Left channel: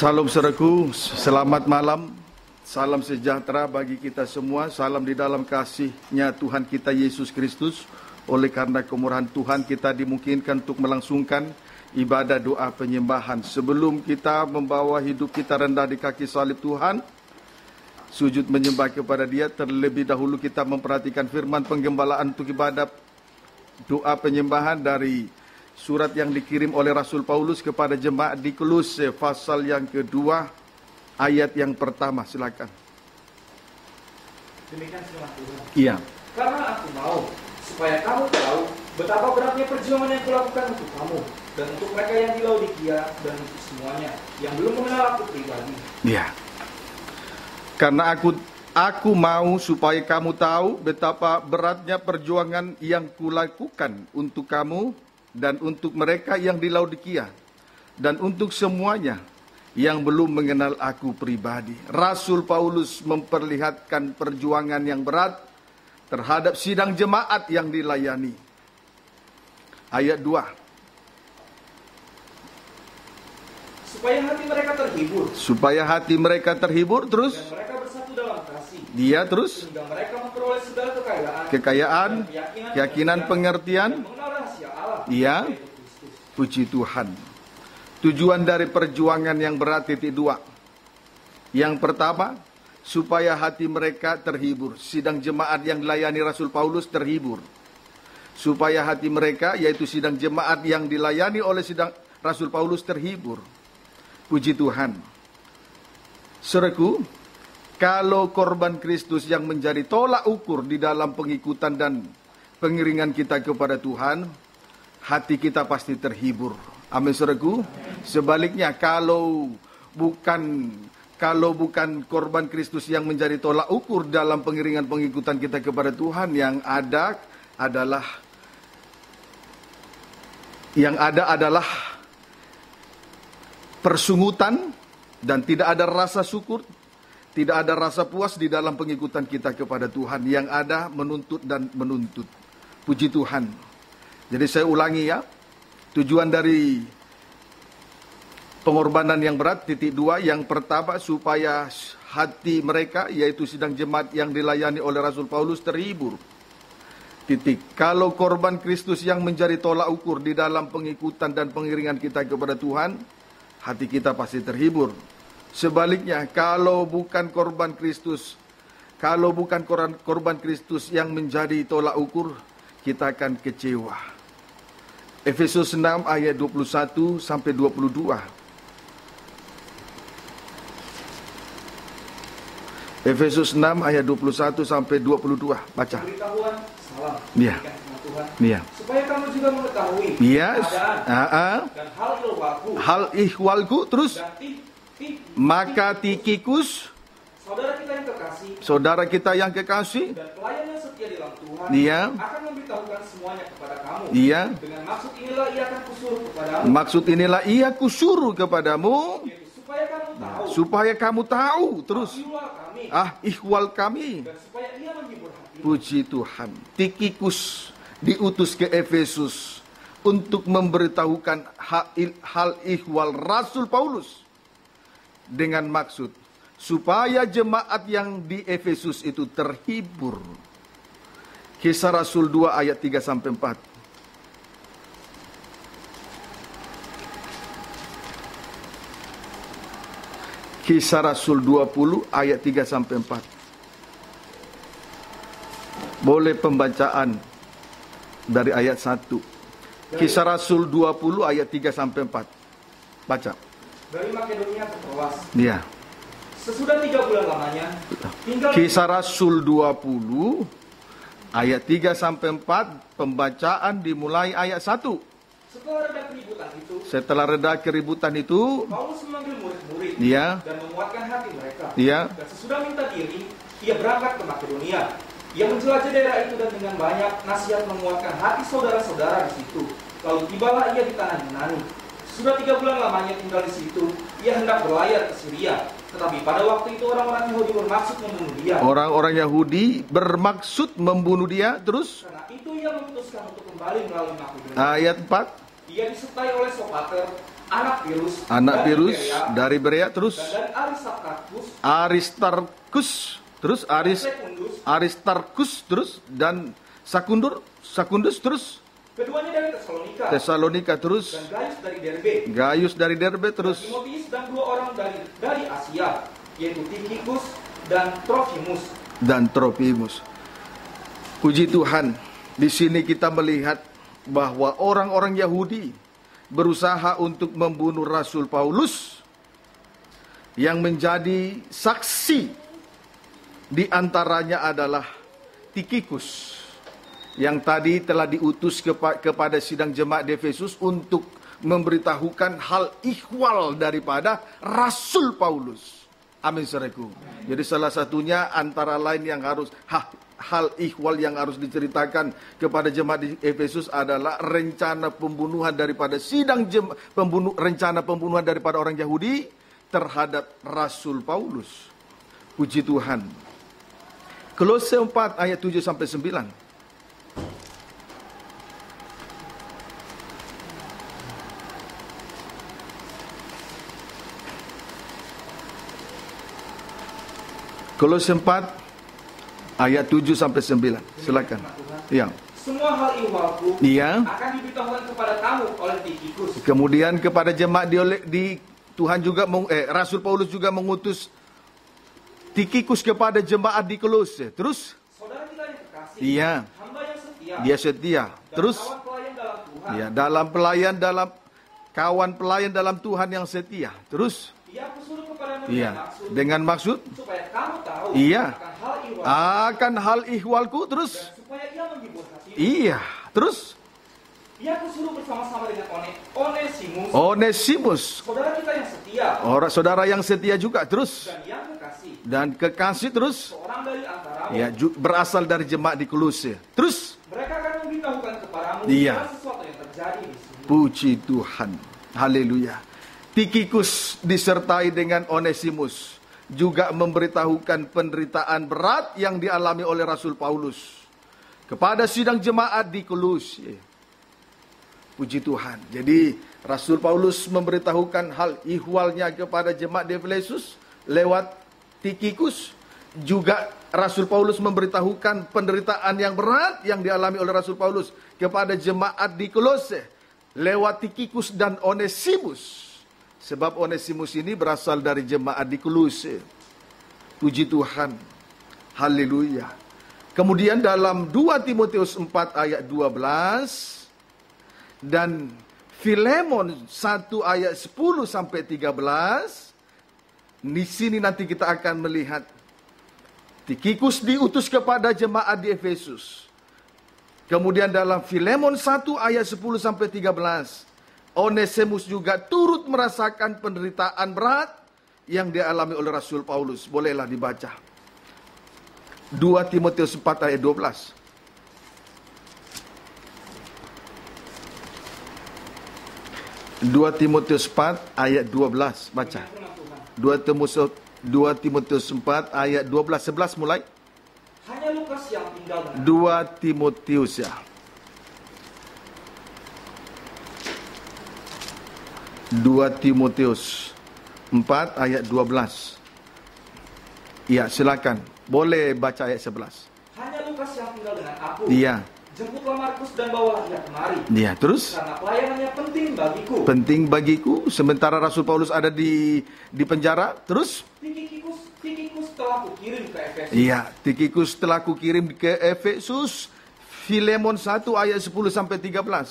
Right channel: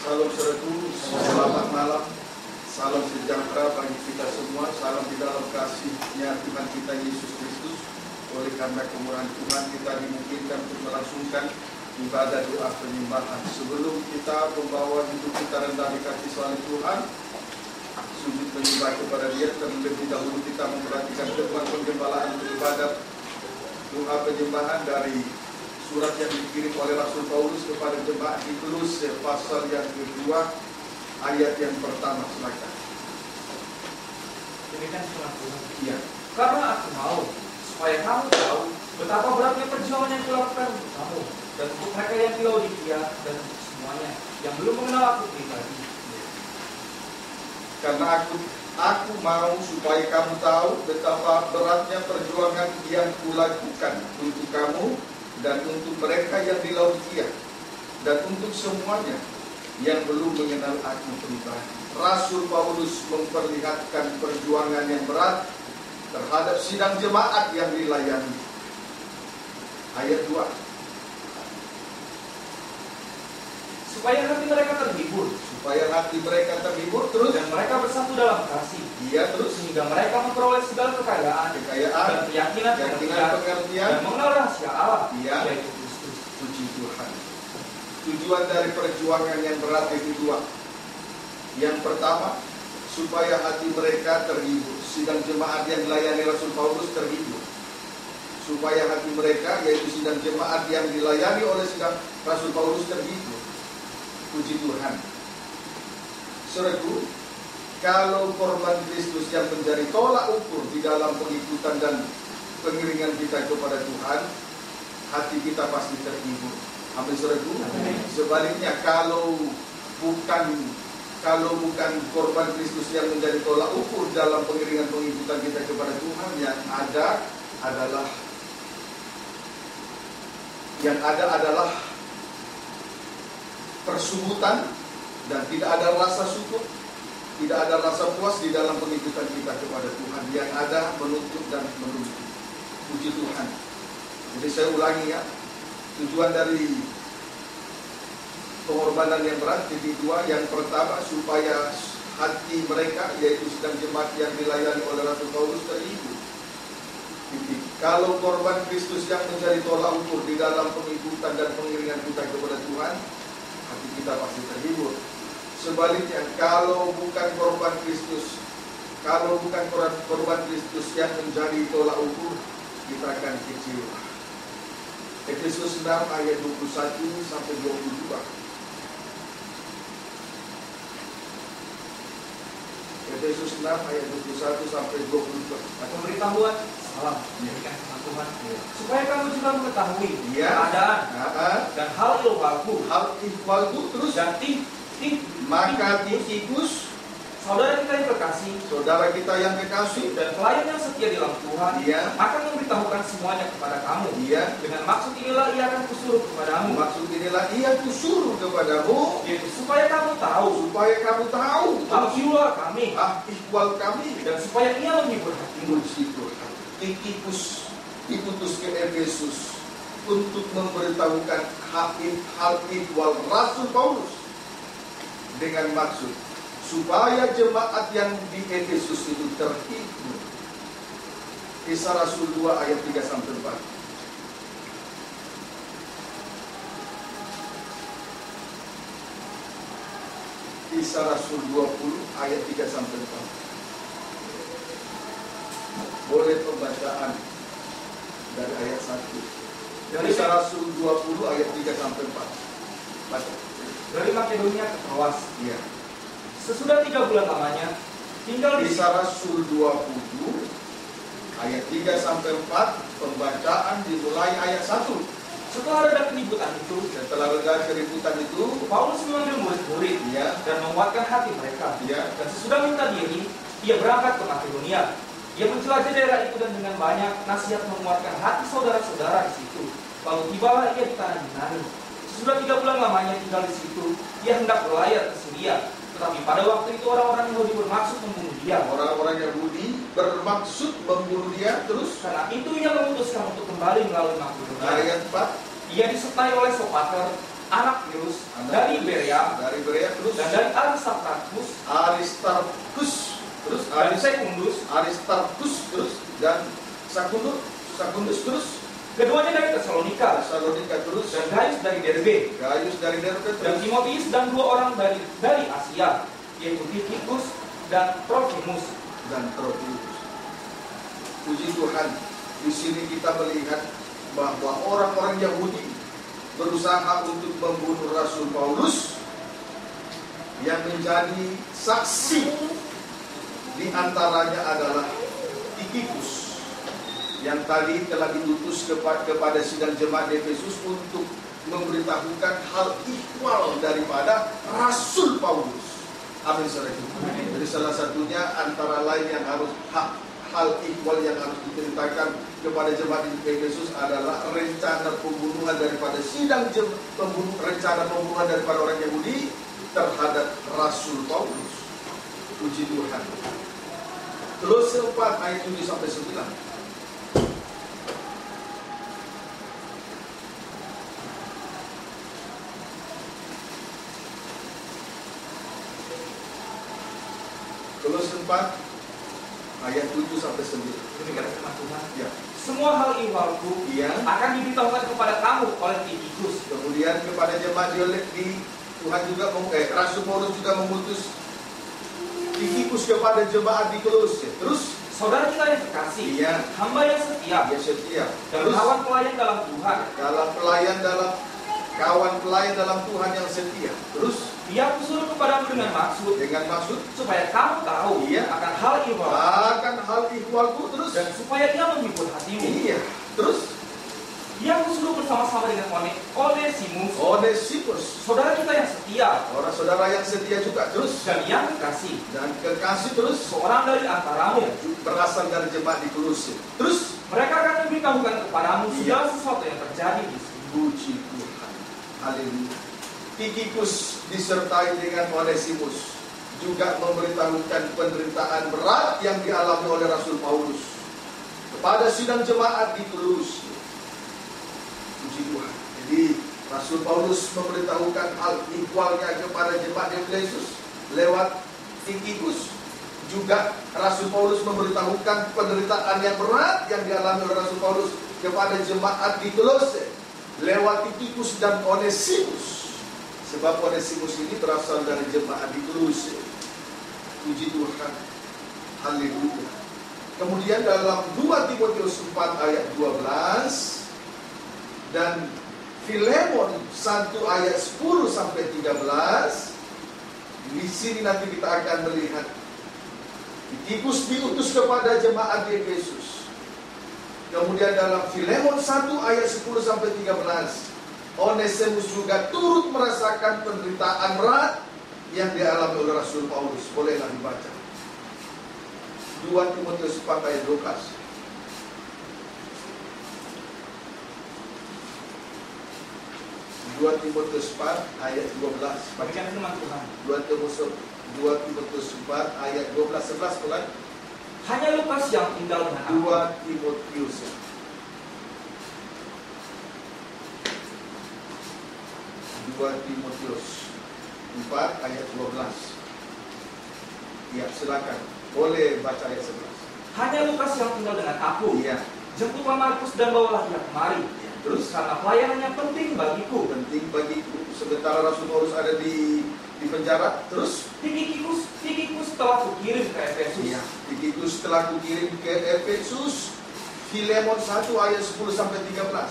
Salam saudaraku, selamat malam. Salam sejahtera bagi kita semua. Salam di dalam kasih-Nya Tuhan kita Yesus Kristus. Oleh karena kemurahan Tuhan kita dimungkinkan untuk melangsungkan ibadah doa penyembahan. Sebelum kita membawa hidup kita rendah di kaki salib Tuhan, sujud menyembah kepada Dia, terlebih dahulu kita memperhatikan firman penggembalaan untuk ibadat doa penyembahan dari surat yang dikirim oleh Rasul Paulus kepada jemaat di Kolose pasal yang kedua ayat yang pertama. Silakan. Demikian firman Tuhan. Iya. Karena aku mau supaya kamu tahu betapa beratnya perjuangan yang kulakukan untuk kamu dan untuk mereka yang di Laodikia dan untuk semuanya yang belum mengenal aku pribadi. Iya. Karena aku mau supaya kamu tahu betapa beratnya perjuangan yang kulakukan untuk kamu dan untuk mereka yang di Laodikia dan untuk semuanya yang belum mengenal aku pribadi. Rasul Paulus memperlihatkan perjuangan yang berat terhadap sidang jemaat yang dilayani. Ayat 2. Supaya hati mereka terhibur. Supaya hati mereka terhibur, terus Dan mereka bersatu dalam kasih. dia terus Sehingga mereka memperoleh segala kekayaan, keyakinan, pengertian. dan mengenal rahasia Allah. Iya. Yaitu Kristus. Puji Tuhan. Tujuan dari perjuangan yang berat itu dua. Yang pertama, supaya hati mereka terhibur. Sidang jemaat yang dilayani Rasul Paulus terhibur. Supaya hati mereka, yaitu sidang jemaat yang dilayani oleh sidang Rasul Paulus terhibur. Puji Tuhan. Saudaraku, kalau korban Kristus yang menjadi tolak ukur di dalam pengikutan dan pengiringan kita kepada Tuhan, hati kita pasti terhibur. Amin, saudaraku. Sebaliknya, kalau bukan korban Kristus yang menjadi tolak ukur dalam pengiringan pengikutan kita kepada Tuhan, yang ada adalah persungutan dan tidak ada rasa syukur, tidak ada rasa puas di dalam pengikutan kita kepada Tuhan. Yang ada menuntut dan menuntut. Puji Tuhan. Jadi saya ulangi ya, tujuan dari pengorbanan yang berat, titik 2, yang pertama supaya hati mereka, yaitu sidang jemaat yang dilayani oleh Rasul Paulus, terhibur. Titik. Kalau korban Kristus yang menjadi tolak ukur di dalam pengikutan dan pengiringan kita kepada Tuhan, hati kita pasti terhibur. Sebaliknya, kalau bukan korban Kristus yang menjadi tolak ukur, kita akan kecewa. Efesus 6 ayat 21 sampai 22. Efesus 6 ayat 21 sampai 22. Baca. Pemberitahuan salam. Iya. Tuhan. Iya. Supaya kamu juga mengetahui Iya. keadaan dan hal ihwalku. Hal ihwalku, terus Dan maka Tikikus, saudara kita yang kekasih, dan pelayan yang setia di dalam Tuhan, Iya. akan memberitahukan semuanya kepada kamu. Iya. Dengan maksud inilah ia akan kusuruh kepadamu. Maksud inilah ia kusuruh kepadamu, Yaitu supaya kamu tahu. Terus ihwal kami. ihwal kami. Dan supaya ia menghibur hatimu. Puji Tuhan. Tikikus diutus ke Efesus untuk memberitahukan hal ihwal Rasul Paulus, dengan maksud supaya jemaat yang di Efesus itu terhibur. Kisah Rasul 2 ayat 3 sampai 4. Kisah Rasul 20 ayat 3 sampai 4. Boleh pembacaan dari ayat 1. Kisah Rasul 20 ayat 3 sampai 4. Baca. Dari Makedonia ke Troas. Iya. Sesudah 3 bulan lamanya tinggal Kisah Rasul 20 ayat 3 sampai 4, pembacaan dimulai ayat 1. Setelah reda keributan itu, Paulus memanggil murid-murid Iya. dan menguatkan hati mereka. Iya. Dan sesudah minta diri, ia berangkat ke Makedonia. Ia menjelajah daerah itu dan dengan banyak nasihat menguatkan hati saudara-saudara di situ. Lalu tibalah ia di tanah Yunani. Sesudah 3 bulan lamanya tinggal di situ, ia hendak berlayar ke Syria. Tetapi pada waktu itu orang-orang Yahudi bermaksud membunuh dia. Orang-orang Yahudi bermaksud membunuh dia. Terus Karena itu ia memutuskan untuk kembali melalui Makedonia. ayat 4. Ia disertai oleh Sopater, anak Pirus, anak dari Pirus Berea, dari Berea, terus dan dari Aristarchus, Aristarchus, terus dan Secundus, Aristarchus, terus dan Secundus, terus keduanya dari Tesalonika, terus dan Gaius dari Derbe, Derbe, dan terus Timotius dan 2 orang dari Asia, yaitu Tychicus dan Trophimus. Puji Tuhan, di sini kita melihat bahwa orang-orang Yahudi berusaha untuk membunuh Rasul Paulus, yang menjadi saksi di antaranya adalah Tychicus, yang tadi telah diutus kepada sidang jemaat di Efesus untuk memberitahukan hal ihwal daripada Rasul Paulus. Amin, saudaraku. Jadi salah satunya antara lain yang harus hal ihwal yang harus diceritakan kepada jemaat di Efesus adalah rencana pembunuhan daripada rencana pembunuhan daripada orang Yahudi terhadap Rasul Paulus. Puji Tuhan. Kolose 4 ayat 7 sampai 9. Kolose 4 ayat 7 sampai 9. Silakan. Ya. Semua hal ihwalku Iya. akan diberitahukan kepada kamu oleh Tychicus. Kemudian kepada jemaat di Tuhan juga Rasul Paulus juga mengutus Tychicus kepada jemaat di Kolose. Terus Saudara kita yang terkasih, Iya. hamba yang setia, dia setia. dan Terus kawan pelayan dalam Tuhan. ya, kawan pelayan dalam Tuhan yang setia. Terus Dia suruh kepadamu dengan maksud supaya kamu tahu Iya. akan hal ihwalku, terus dan supaya dia menghibur hatimu. iya, terus Dia suruh bersama-sama dengan Onesimus, saudara kita yang setia, orang saudara yang setia juga, terus dan yang kekasih, dan kekasih, terus seorang dari antaramu, ya, berasal dari jemaat di Kolose. Terus mereka akan memberitahukan kepadamu Iya. segala sesuatu yang terjadi di sini. puji Tuhan, haleluya. Tychicus disertai dengan Onesimus juga memberitahukan penderitaan berat yang dialami oleh Rasul Paulus kepada sidang jemaat di Kolose. Puji Tuhan. Jadi Rasul Paulus memberitahukan hal ihwalnya kepada jemaat di Efesus lewat Tychicus. Juga Rasul Paulus memberitahukan penderitaan yang berat yang dialami oleh Rasul Paulus kepada jemaat di Kolose lewat Tychicus dan Onesimus. Sebab Onesimus ini berasal dari jemaat di Kolose. Puji Tuhan. Haleluya. Kemudian dalam 2 Timotius 4 ayat 12 dan Filemon 1 ayat 10 sampai 13, di sini nanti kita akan melihat Tychicus diutus kepada jemaat di Efesus. Kemudian dalam Filemon 1 ayat 10 sampai 13, Onesimus juga turut merasakan penderitaan berat yang dialami oleh Rasul Paulus. Bolehlah dibaca 2 Timotius 4 ayat 12. 2 Timotius 4 ayat 12. Baca 2 Timotius 4 ayat 12. 11 mulai. Hanya Lukas yang tinggal dengan 2 Timotius ya. 2 Timotius 4 ayat 12. Ya, silakan. Boleh baca ayat 11. Hanya Lukas yang tinggal dengan aku. Iya. Jemputlah Markus dan bawalah dia kemari. Iya, terus Karena pelayanannya penting bagiku. penting bagiku sementara Rasul Paulus ada di penjara. Terus Tychicus telah kukirim ke Efesus. iya, Tychicus telah kukirim ke Efesus. Filemon 1 ayat 10 sampai 13.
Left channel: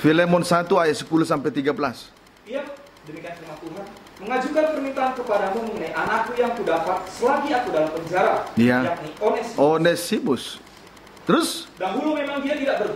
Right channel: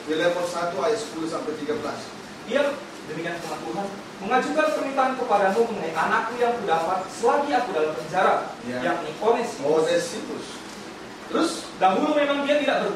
Filemon 1 ayat 10 sampai 13. Dia demikian firman Tuhan, mengajukan permintaan kepadamu mengenai anakku yang kudapat selagi aku dalam penjara, Iya. yakni Onesimus. Onesimus. Terus Dahulu memang dia tidak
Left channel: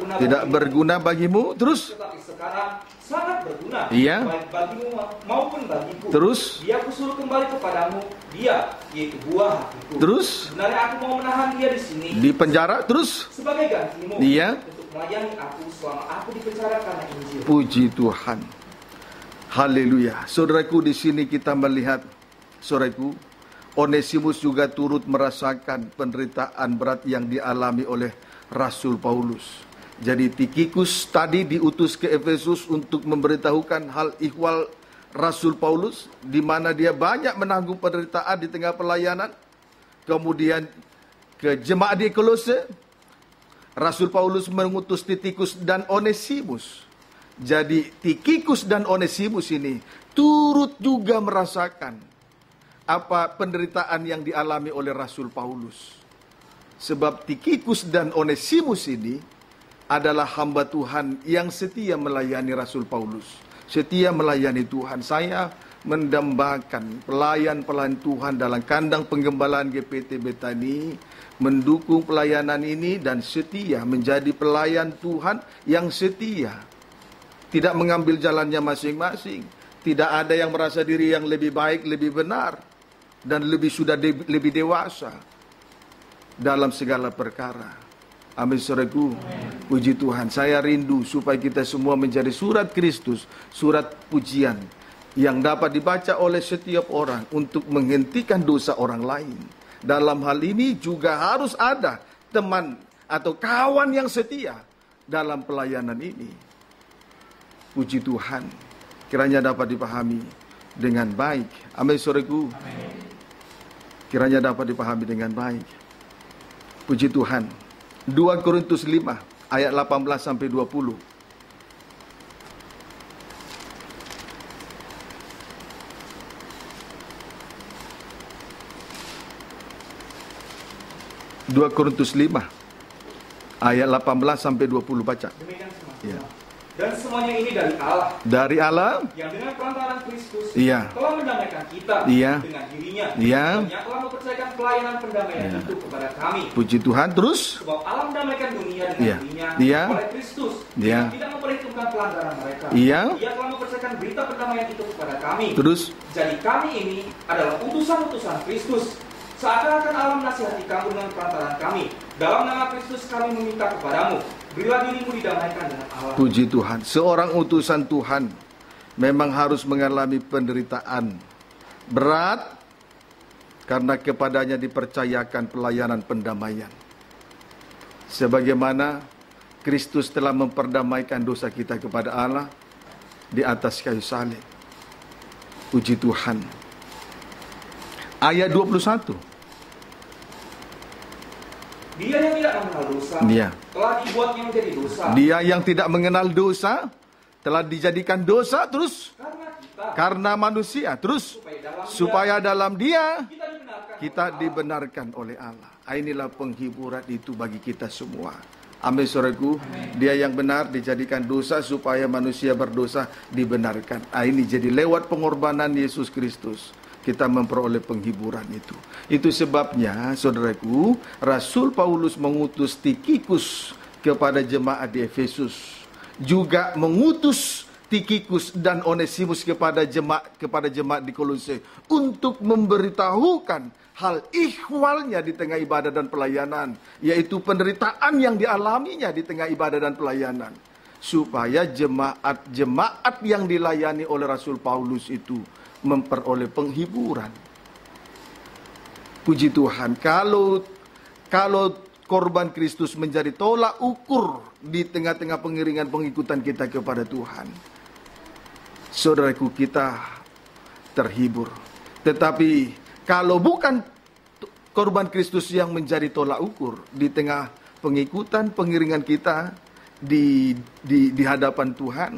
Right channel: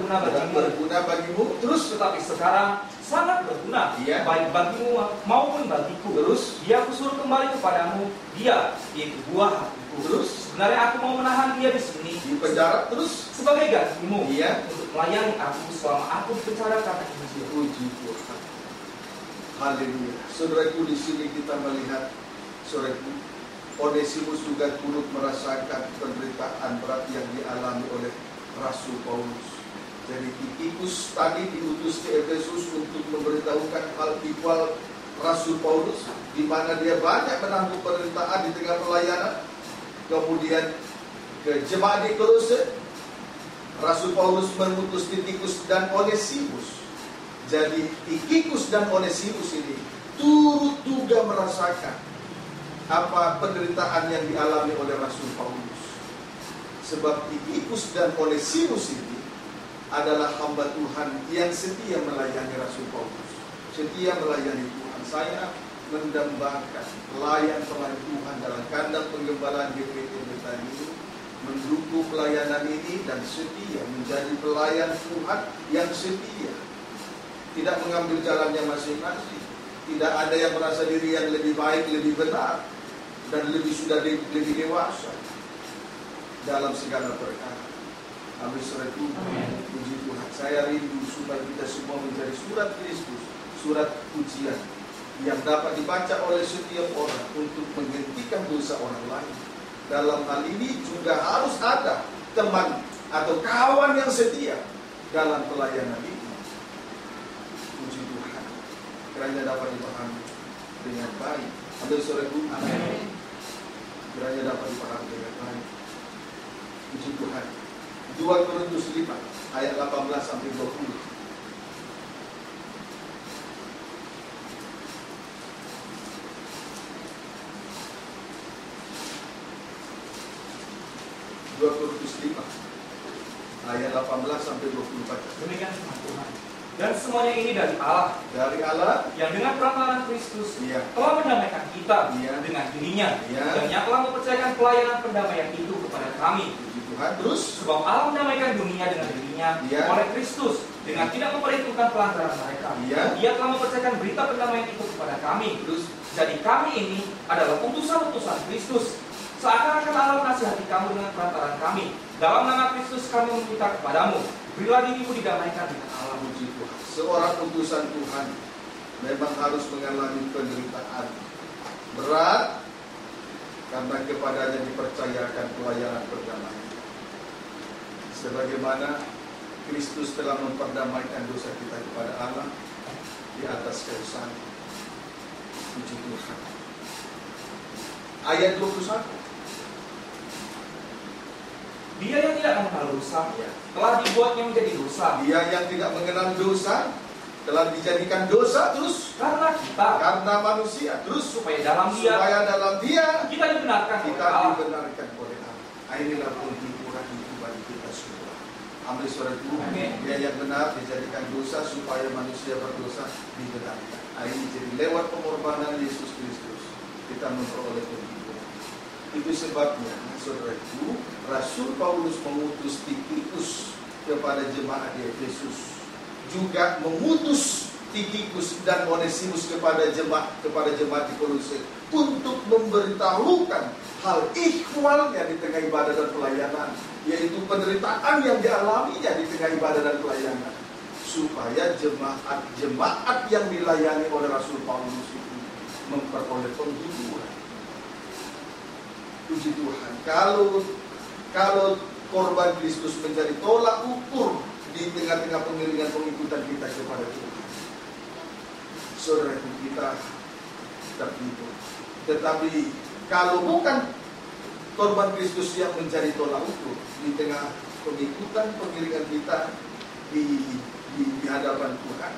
berguna bagimu. Terus tetapi sekarang sangat berguna, Iya. baik bagimu maupun bagiku. Terus Dia aku suruh kembali kepadamu, dia yaitu buah hatiku. Terus Sebenarnya aku mau menahan dia di sini di penjara. Terus sebagai gantimu Iya. untuk melayani aku selama aku di penjara karena Injil. puji Tuhan. Haleluya. Saudaraku, di sini kita melihat, saudaraku, Onesimus juga turut merasakan penderitaan berat yang dialami oleh Rasul Paulus. Jadi Tikhikus tadi diutus ke Efesus untuk memberitahukan hal ihwal Rasul Paulus, di mana dia banyak menanggung penderitaan di tengah pelayanan. Kemudian ke jemaat di Kolose, Rasul Paulus mengutus Tikhikus dan Onesimus. Jadi Tikhikus dan Onesimus ini turut juga merasakan apa penderitaan yang dialami oleh Rasul Paulus. Sebab Tikhikus dan Onesimus ini adalah hamba Tuhan yang setia melayani Rasul Paulus, setia melayani Tuhan. Saya mendambakan pelayan-pelayan Tuhan dalam kandang penggembalaan GPT Betani, mendukung pelayanan ini dan setia menjadi pelayan Tuhan yang setia, tidak mengambil jalannya masing-masing. Tidak ada yang merasa diri yang lebih baik, lebih benar, dan lebih dewasa dalam segala perkara. Amin, saudaraku. Puji Tuhan. Saya rindu supaya kita semua menjadi surat Kristus, surat pujian yang dapat dibaca oleh setiap orang untuk menghentikan dosa orang lain. Dalam hal ini juga harus ada teman atau kawan yang setia dalam pelayanan ini. Puji Tuhan. Kiranya dapat dipahami dengan baik. Amin, saudaraku. Kiranya dapat dipahami dengan baik. Puji Tuhan. 2 Korintus 5 ayat 18 sampai 20. 2 Korintus 5 ayat 18 sampai 20, baca. Demikian Ya. Dan semuanya ini dari Allah. Dari Allah Yang dengan perantaraan Kristus Iya. telah mendamaikan kita Iya. dengan dirinya. Iya. Dan yang telah mempercayakan pelayanan pendamaian itu kepada kami. puji Tuhan. Terus Sebab Allah mendamaikan dunia dengan Iya. dirinya Iya. oleh Kristus. Iya. Dengan tidak memperhitungkan pelanggaran mereka. Iya. Ia telah mempercayakan berita pendamaian itu kepada kami. Terus Jadi kami ini adalah utusan-utusan Kristus. Seakan-akan Allah menasihati kamu dengan perantaraan kami. Dalam nama Kristus kami meminta kepadamu, berilah dirimu didamaikan dengan Allah. puji Tuhan. Seorang utusan Tuhan memang harus mengalami penderitaan berat karena kepadanya dipercayakan pelayanan pendamaian. Sebagaimana Kristus telah memperdamaikan dosa kita kepada Allah di atas kayu salib. Puji Tuhan. Ayat 21. Dia yang tidak mengenal dosa Dia. telah dibuatnya menjadi dosa Dia yang tidak mengenal dosa telah dijadikan dosa terus karena kita, karena manusia, terus supaya dalam Dia kita dibenarkan kita oleh Allah. dibenarkan oleh Allah. Inilah penghiburan itu bagi kita semua. Amin, saudaraku. Amin. Dia yang benar dijadikan dosa supaya manusia berdosa dibenarkan. Ini jadi lewat pengorbanan Yesus Kristus kita memperoleh penghiburan itu. Itu sebabnya, saudaraku, Rasul Paulus mengutus Tikhikus kepada jemaat di Efesus, juga mengutus Tikhikus dan Onesimus kepada jemaat di Kolose untuk memberitahukan hal ihwalnya di tengah ibadah dan pelayanan, yaitu penderitaan yang dialaminya di tengah ibadah dan pelayanan, supaya jemaat yang dilayani oleh Rasul Paulus itu memperoleh penghiburan. Puji Tuhan. Kalau korban Kristus menjadi tolak ukur di tengah-tengah pengiringan pengikutan kita kepada Tuhan, saudaraku, kita terhibur. Tetapi kalau bukan korban Kristus yang menjadi tolak ukur di tengah pengikutan pengiringan kita di hadapan Tuhan,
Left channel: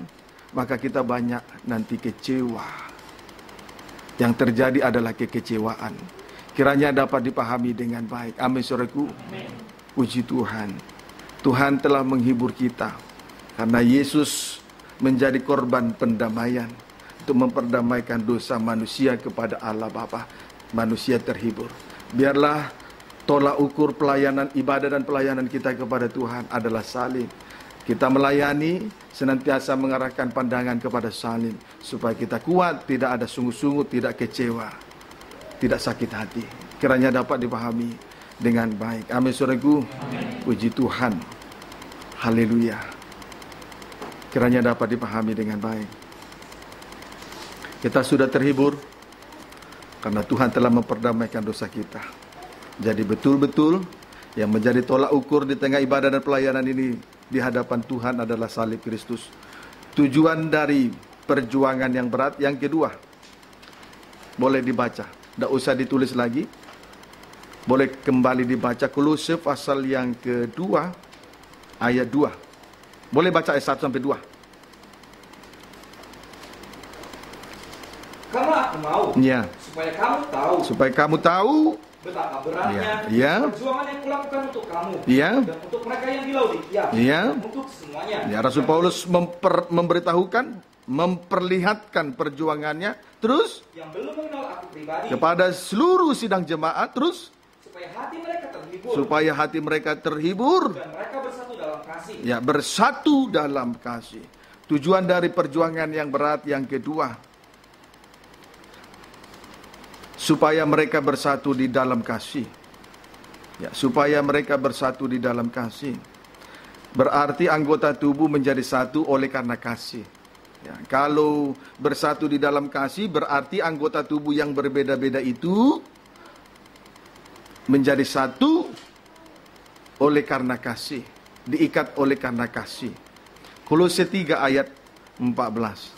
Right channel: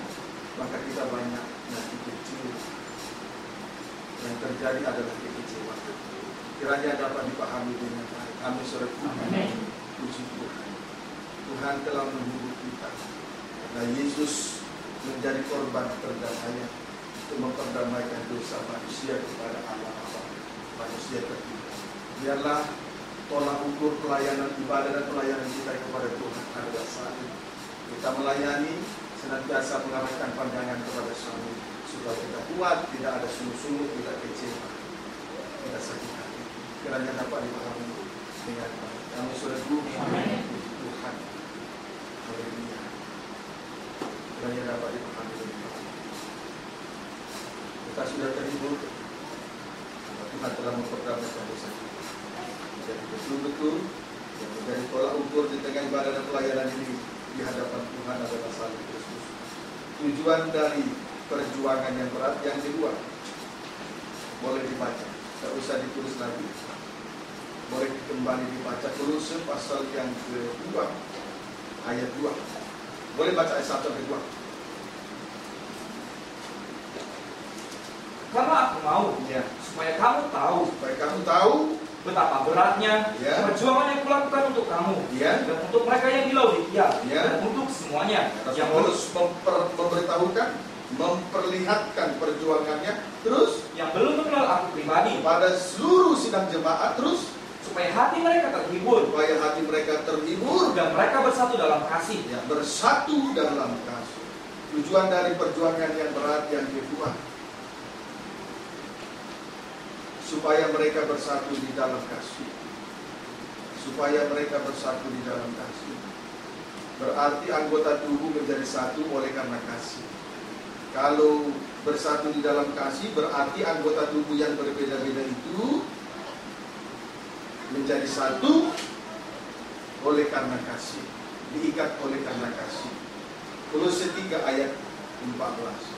maka kita banyak nanti kecewa. Yang terjadi adalah kekecewaan. Kiranya dapat dipahami dengan baik. Amin, saudaraku. Puji Tuhan. Tuhan telah menghibur kita karena Yesus menjadi korban pendamaian untuk memperdamaikan dosa manusia kepada Allah Bapa. Manusia terhibur. Biarlah tolak ukur pelayanan ibadah dan pelayanan kita kepada Tuhan adalah salib. Kita melayani senantiasa mengarahkan pandangan kepada salib supaya kita kuat, tidak ada sungut-sungut, tidak kecewa, tidak sakit hati. Kiranya dapat dipahami dengan baik. Amin, saudaraku. Puji Tuhan. Haleluya. Kiranya dapat dipahami dengan baik. Kita sudah terhibur. Karena Tuhan telah memperdamaikan dosa kita. Jadi betul-betul yang menjadi tolak ukur di tengah ibadah dan pelayanan ini di hadapan Tuhan adalah salib Kristus. Tujuan dari perjuangan yang berat yang kedua, boleh dibaca, tidak usah ditulis lagi, boleh kembali dibaca. Kolose pasal yang kedua ayat 2. Boleh baca ayat 1 sampai 2. Karena aku mau, Ya, supaya kamu tahu betapa beratnya Ya. perjuangan yang kulakukan untuk kamu, Ya. dan untuk mereka yang di Laodikia, Ya. dan untuk semuanya. Ya, Rasul Yang Paulus memberitahukan, memperlihatkan perjuangannya terus yang belum mengenal aku pribadi, kepada seluruh sidang jemaat, terus supaya hati mereka terhibur, supaya hati mereka terhibur, dan mereka bersatu dalam kasih. ya, bersatu dalam kasih. Tujuan dari perjuangan yang berat yang kedua, supaya mereka bersatu di dalam kasih. Ya, supaya mereka bersatu di dalam kasih. Berarti anggota tubuh menjadi satu oleh karena kasih. Ya, kalau bersatu di dalam kasih, berarti anggota tubuh yang berbeda-beda itu menjadi satu oleh karena kasih, diikat oleh karena kasih. Kolose 3 ayat 14.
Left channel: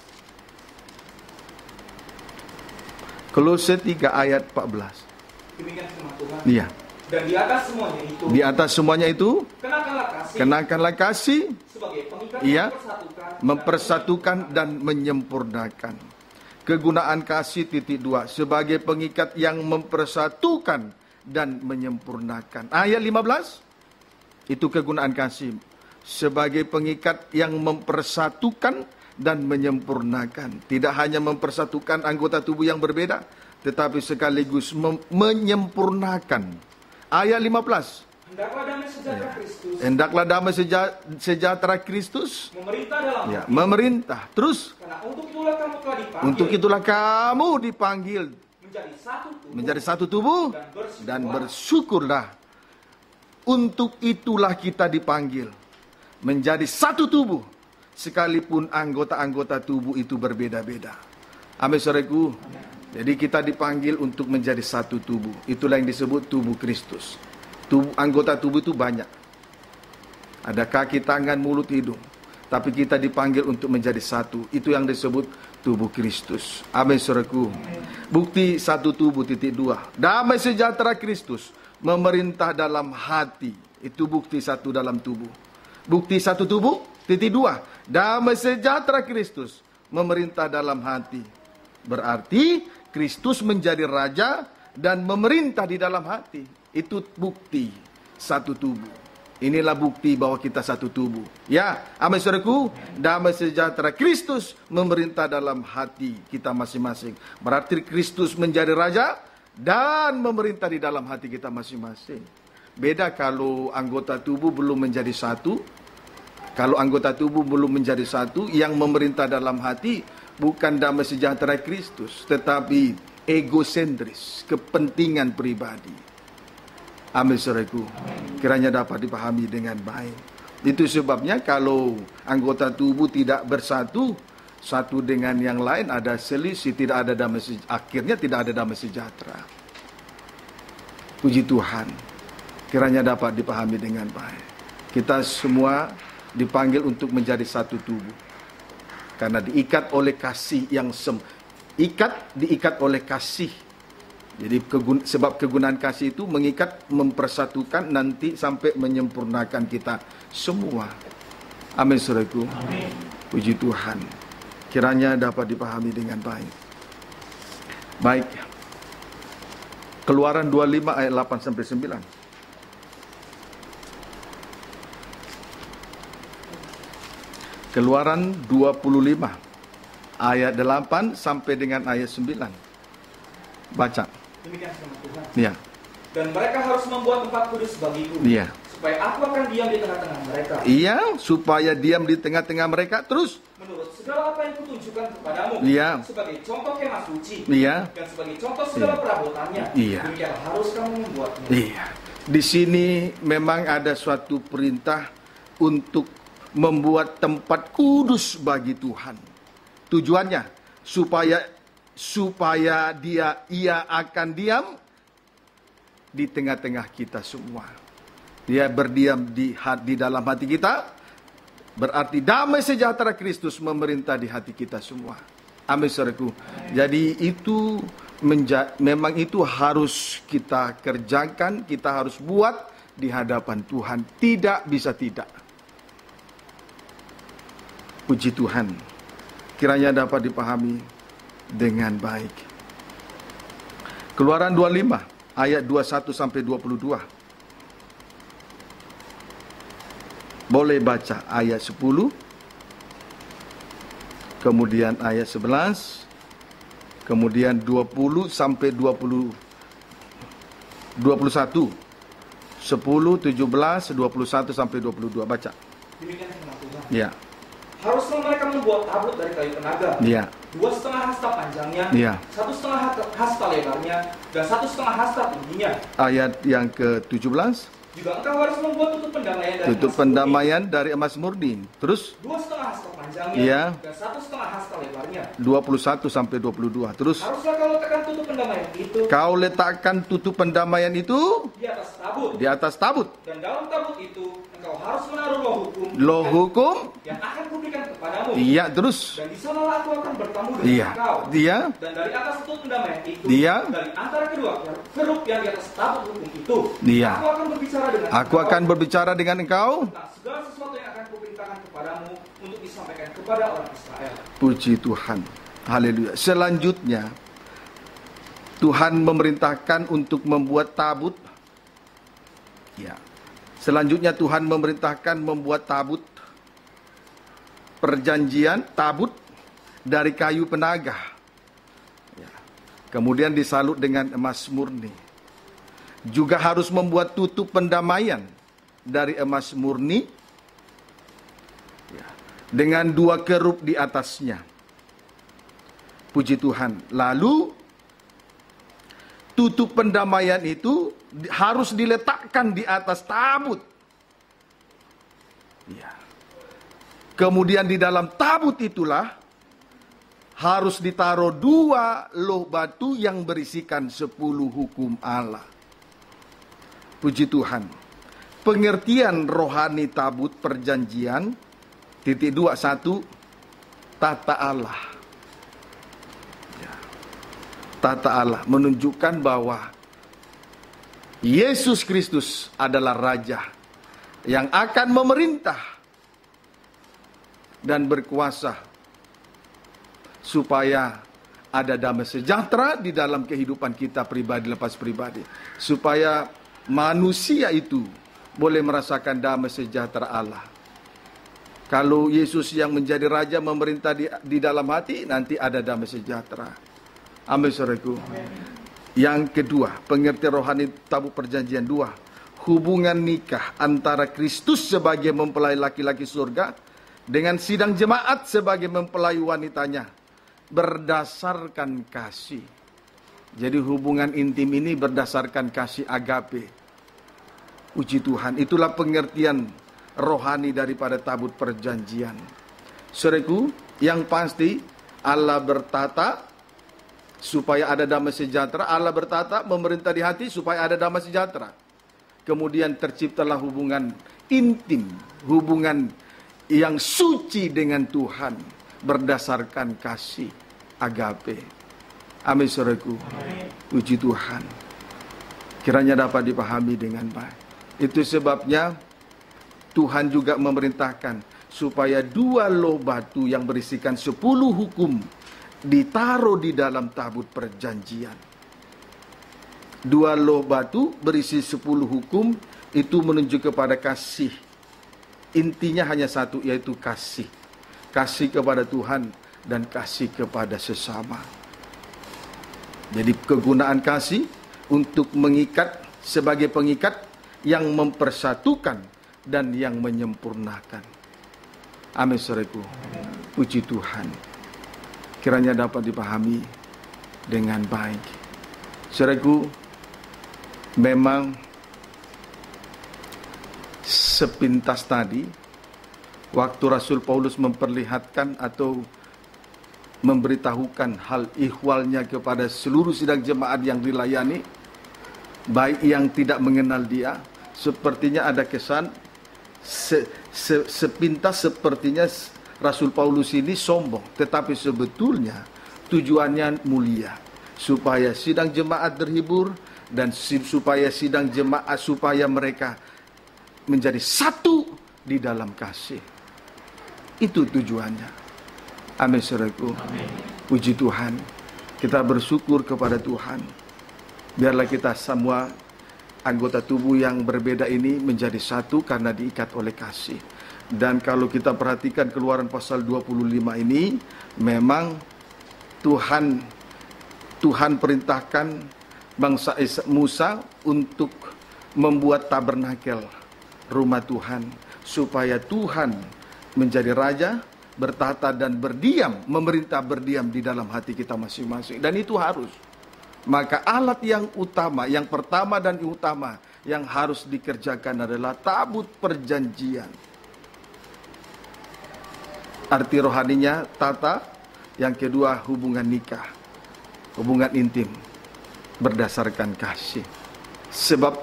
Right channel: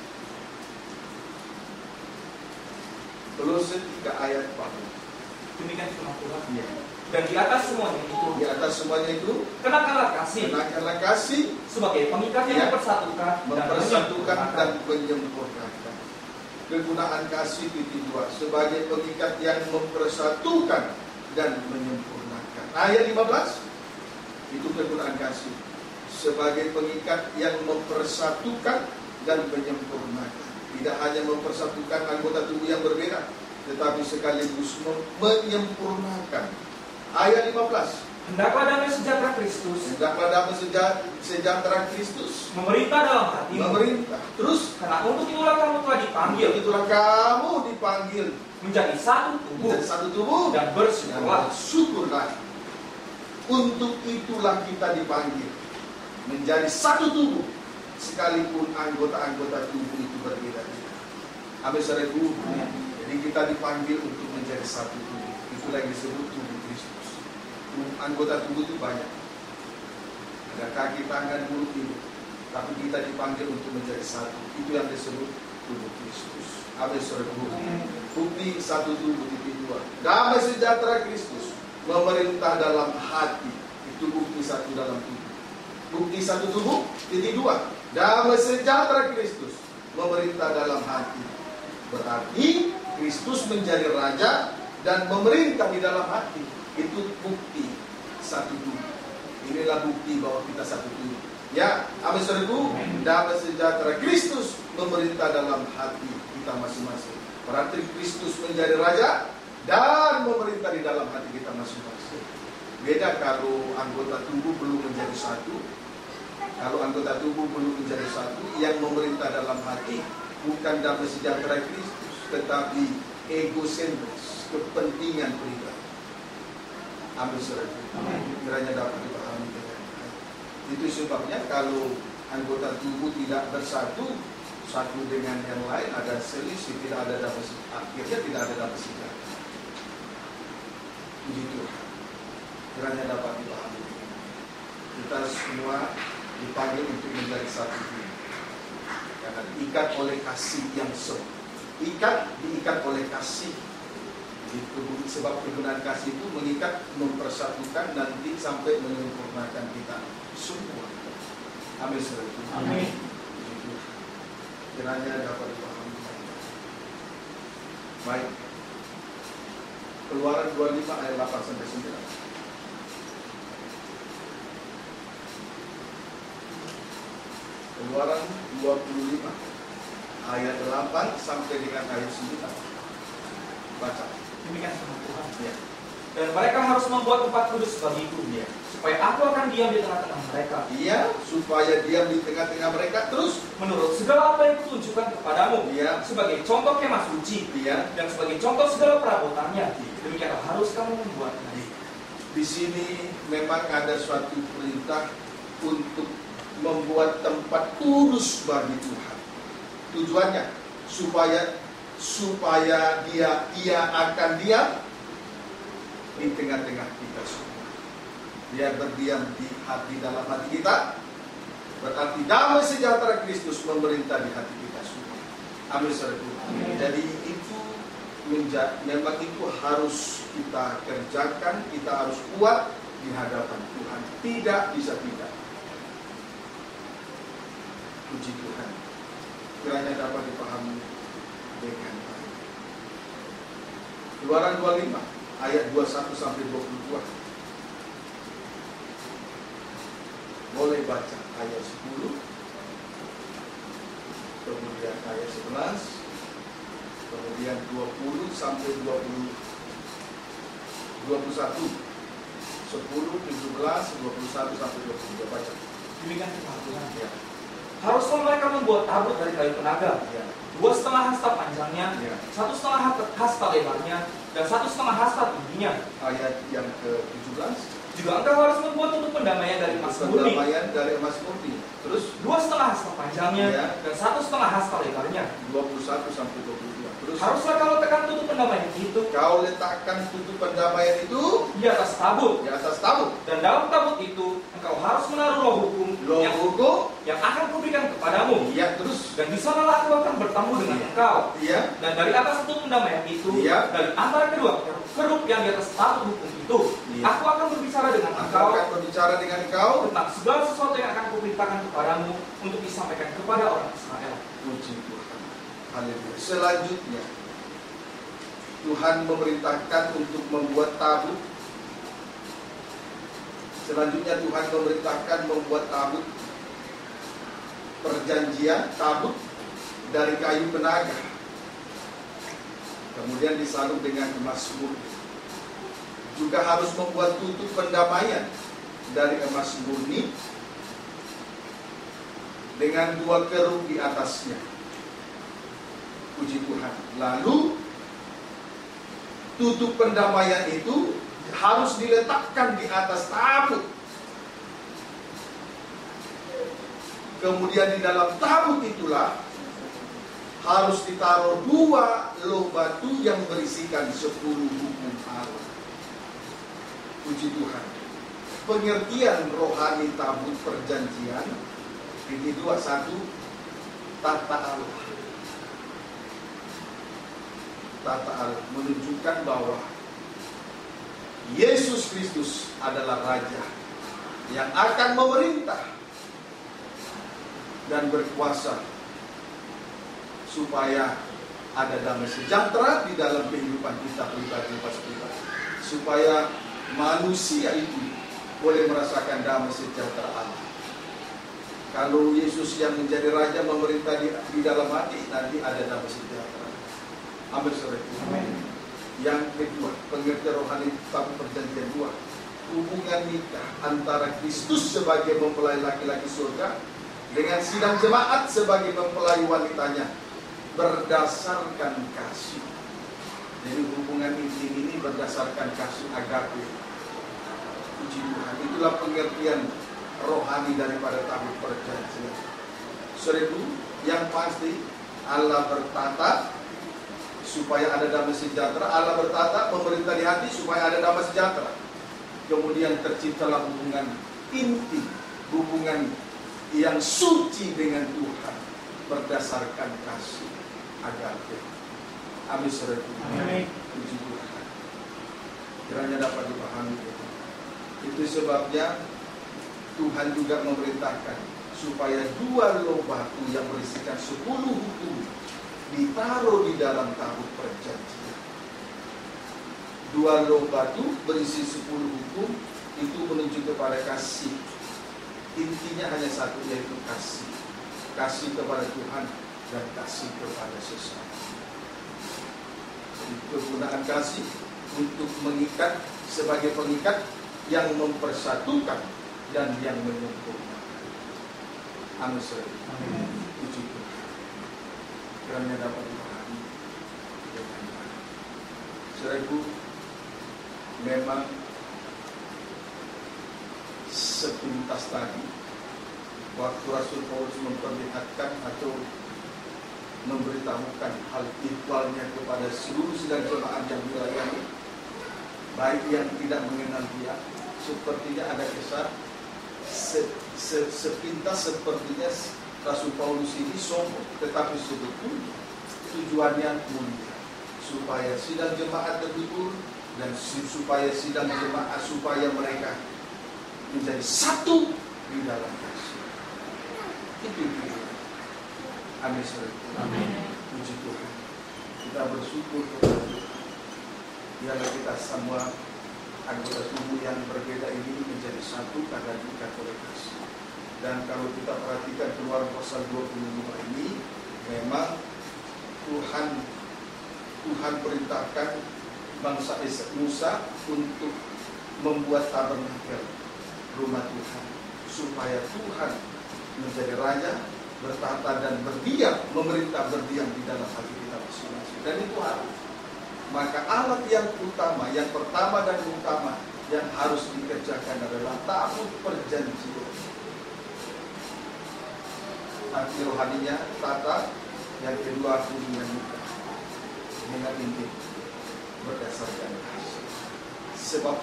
Kolose 3 ayat 14. Demikian firman Tuhan. Iya. Dan di atas semuanya itu, Di atas semuanya itu, kenakanlah kasih sebagai pengikat Iya. yang mempersatukan dan menyempurnakan. Kegunaan kasih titik 2 sebagai pengikat yang mempersatukan dan menyempurnakan. Ayat 15 itu kegunaan kasih sebagai pengikat yang mempersatukan dan menyempurnakan. Tidak hanya mempersatukan anggota tubuh yang berbeda, tetapi sekaligus menyempurnakan. Ayat 15. Hendaklah damai sejahtera Kristus. Hendaklah damai sejahtera Kristus Memerintah dalam ya, hati. memerintah. Terus Karena untuk itulah kamu telah dipanggil. untuk itulah kamu dipanggil Menjadi satu tubuh. menjadi satu tubuh Dan dan bersyukurlah. bersyukurlah. Untuk itulah kita dipanggil menjadi satu tubuh, sekalipun anggota-anggota tubuh itu berbeda-beda. Amin, saudaraku. Jadi kita dipanggil untuk menjadi satu tubuh. Itulah yang disebut tubuh Kristus. Anggota tubuh itu banyak. Ada kaki, tangan, mulut, hidung. Tapi kita dipanggil untuk menjadi satu. Itu yang disebut tubuh Kristus. Amin, saudaraku. Bukti satu tubuh titik 2. Damai sejahtera Kristus memerintah dalam hati. Itu bukti satu dalam tubuh. Bukti satu tubuh titik 2. Damai sejahtera Kristus memerintah dalam hati. Berarti Kristus menjadi raja dan memerintah di dalam hati. Itu bukti satu tubuh. Inilah bukti bahwa kita satu tubuh. Ya, amin, saudaraku. Damai sejahtera Kristus memerintah dalam hati kita masing-masing. Berarti Kristus menjadi raja dan memerintah di dalam hati kita masing-masing. Beda kalau anggota tubuh belum menjadi satu. Kalau anggota tubuh belum menjadi satu, yang memerintah dalam hati bukan damai sejahtera Kristus, tetapi egosentris, kepentingan pribadi. Amin, saudaraku. Kiranya dapat dipahami dengan baik. Itu sebabnya kalau anggota tubuh tidak bersatu satu dengan yang lain, ada selisih, tidak ada damai, akhirnya tidak ada damai sejahtera. Puji Tuhan. Kiranya dapat dipahami dengan baik. Kita semua dipanggil untuk menjadi satu tubuh. Karena diikat oleh kasih yang diikat oleh kasih. Jadi sebab kegunaan kasih itu mengikat, mempersatukan, nanti sampai menyempurnakan kita semua. Amin, saudaraku. Amin. Puji Tuhan. Kiranya dapat dipahami dengan baik. Baik. Keluaran 25 ayat 8 sampai 9. Keluaran 25 ayat 8 sampai dengan ayat 9. Baca. Demikian firman Tuhan. Iya. Dan mereka harus membuat tempat kudus bagiku, Iya. supaya aku akan diam di tengah-tengah mereka. Iya, supaya diam di tengah-tengah mereka terus. Menurut segala apa yang kutunjukkan kepadamu, Iya. sebagai contoh kemah suci, Iya. dan sebagai contoh segala perabotannya. Iya. Demikianlah harus kamu membuatnya. Iya. Di sini memang ada suatu perintah untuk membuat tempat kudus bagi Tuhan. Tujuannya supaya supaya ia akan diam di tengah-tengah kita semua. Dia berdiam di dalam hati kita, berarti damai sejahtera Kristus memerintah di hati kita semua. Amin, saudaraku. Jadi itu memang itu harus kita kerjakan, kita harus buat di hadapan Tuhan. Tidak bisa tidak. Puji Tuhan. Kiranya dapat dipahami dengan baik. Keluaran 25 ayat 21 sampai 22. Boleh baca ayat 10, kemudian ayat 11, kemudian 20 sampai 21, 10, 17, 21 sampai 22. Baca. Demikian firman Tuhan. Ya. Haruslah mereka membuat tabut dari kayu penaga, Ya. 2,5 hasta panjangnya, Ya. 1,5 hasta lebarnya, dan 1,5 hasta tingginya. Ayat yang ke-17. Juga engkau harus membuat tutup pendamaian dari Tutup emas murni, pendamaian dari emas murni. Terus 2,5 hasta panjangnya, Ya. dan 1,5 hasta lebarnya. 21 sampai 22. Terus Haruslah kau letakkan tutup pendamaian itu kau letakkan tutup pendamaian itu di atas tabut, di atas tabut. dan dalam tabut itu engkau harus menaruh loh hukum Loh hukum. yang akan kuberikan kepadamu. Iya, terus Dan di sanalah aku akan bertemu dengan Iya. engkau. Dia Dan dari atas tutup pendamaian itu, Dia. dari antara kedua kerup yang di atas tabut hukum itu, Dia. aku akan berbicara dengan Aku engkau akan berbicara dengan engkau. tentang segala sesuatu yang akan kuperintahkan kepadamu untuk disampaikan kepada orang Israel. Puji Tuhan. Haleluya. Selanjutnya Tuhan memerintahkan untuk membuat tabut. Ya. Selanjutnya Tuhan memerintahkan membuat tabut perjanjian, tabut dari kayu penaga. Kemudian disalut dengan emas murni. Juga harus membuat tutup pendamaian dari emas murni dengan 2 kerup di atasnya. Puji Tuhan. Lalu tutup pendamaian itu harus diletakkan di atas tabut. Kemudian di dalam tabut itulah harus ditaruh 2 loh batu yang berisikan 10 hukum Allah. Puji Tuhan. Pengertian rohani tabut perjanjian titik 21 tata Allah. Tata Allah menunjukkan bahwa Yesus Kristus adalah Raja yang akan memerintah dan berkuasa supaya ada damai sejahtera di dalam kehidupan kita pribadi lepas pribadi, supaya manusia itu boleh merasakan damai sejahtera Allah. Kalau Yesus yang menjadi Raja memerintah di dalam hati, nanti ada damai sejahtera. Amin, saudaraku. Yang kedua, pengertian rohani tabut perjanjian 2, hubungan nikah antara Kristus sebagai mempelai laki-laki surga dengan sidang jemaat sebagai mempelai wanitanya berdasarkan kasih. Jadi hubungan intim ini berdasarkan kasih agape. Puji Tuhan. Itulah pengertian rohani daripada tabut perjanjian. Saudaraku, yang pasti Allah bertata supaya ada damai sejahtera. Allah bertata memerintah di hati supaya ada damai sejahtera. Kemudian terciptalah hubungan intim, hubungan yang suci dengan Tuhan berdasarkan kasih agape. Amin, saudaraku. Puji Tuhan. Kiranya dapat dipahami dengan baik. Itu sebabnya Tuhan juga memerintahkan supaya 2 loh batu yang berisikan 10 hukum ditaruh di dalam tabut perjanjian. 2 loh batu berisi 10 hukum itu menunjuk kepada kasih. Intinya hanya satu, yaitu kasih. Kasih kepada Tuhan dan kasih kepada sesama. Jadi kegunaan kasih untuk mengikat sebagai pengikat yang mempersatukan dan yang menyempurnakan. Amin, saudaraku. Puji Tuhan. Kiranya dapat dipahami dengan baik. Saudaraku, memang sepintas tadi waktu Rasul Paulus memperlihatkan atau memberitahukan hal ihwalnya kepada seluruh sidang jemaat yang dilayani, baik yang tidak mengenal dia. Sepertinya ada kesan sepintas sepertinya Rasul Paulus ini sombong, tetapi sebetulnya tujuannya mulia, supaya sidang jemaat terhibur dan supaya sidang jemaat, supaya mereka menjadi satu di dalam kasih. Itu tujuannya. Amin, saudaraku. Puji Tuhan. Kita bersyukur kepada Tuhan. Biarlah kita semua anggota tubuh yang berbeda ini menjadi satu karena diikat oleh kasih. Dan kalau kita perhatikan Keluaran pasal 25 ini, memang Tuhan perintahkan bangsa Musa untuk membuat tabernakel rumah Tuhan, supaya Tuhan menjadi raja, bertahta dan berdiam, memerintah berdiam di dalam hati kita masing-masing. Dan itu harus. Maka alat yang utama, yang pertama dan utama yang harus dikerjakan adalah tabut perjanjian. Arti rohaninya tata, yang kedua hubungan nikah, hubungan intim berdasarkan kasih. Sebab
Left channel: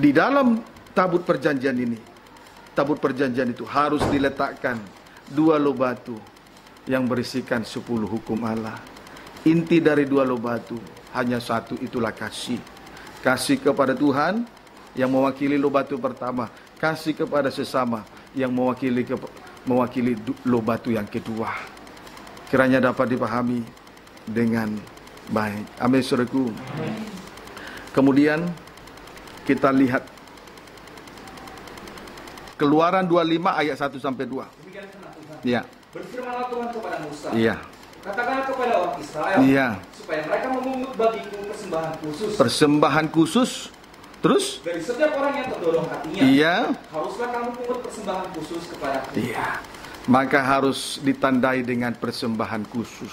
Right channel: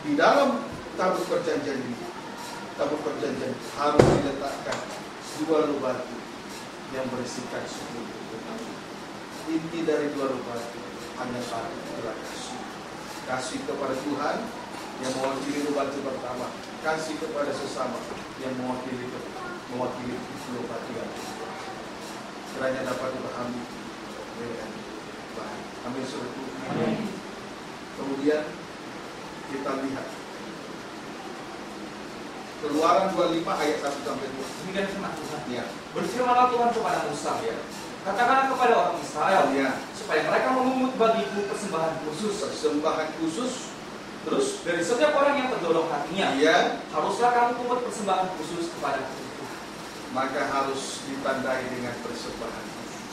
di dalam tabut perjanjian ini, tabut perjanjian itu harus diletakkan 2 loh batu yang berisikan 10 hukum Allah. Inti dari 2 loh batu hanya satu, itulah kasih. Kasih kepada Tuhan yang mewakili loh batu pertama, kasih kepada sesama yang mewakili loh batu yang kedua. Kiranya dapat dipahami dengan baik. Amin, saudaraku. Kemudian kita lihat Keluaran 25 ayat 1 sampai 2. Demikian firman Tuhan. Iya. Berfirmanlah Tuhan kepada Musa. Iya. Katakanlah kepada orang Israel, Iya. supaya mereka memungut bagiku persembahan khusus. Persembahan khusus. Terus? Dari setiap orang yang terdorong hatinya. Iya. Haruskah kamu pungut persembahan khusus kepada aku? Iya. Maka harus ditandai dengan persembahan khusus.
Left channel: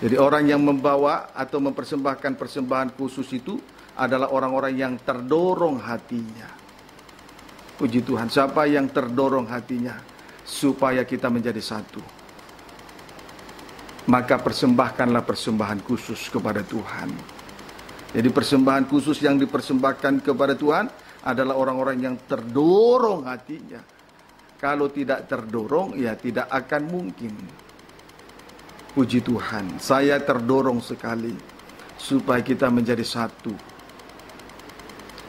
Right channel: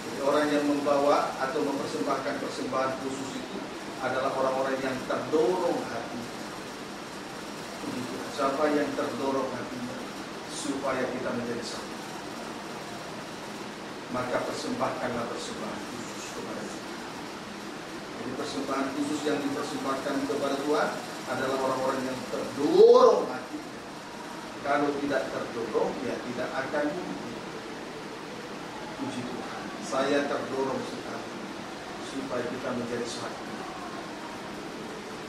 Jadi orang yang membawa atau mempersembahkan persembahan khusus itu adalah orang-orang yang terdorong hatinya. Puji Tuhan. Siapa yang terdorong hatinya supaya kita menjadi satu, maka persembahkanlah persembahan khusus kepada Tuhan. Jadi persembahan khusus yang dipersembahkan kepada Tuhan adalah orang-orang yang terdorong hatinya. Kalau tidak terdorong, ya tidak akan mungkin. Puji Tuhan. Saya terdorong sekali supaya kita menjadi satu,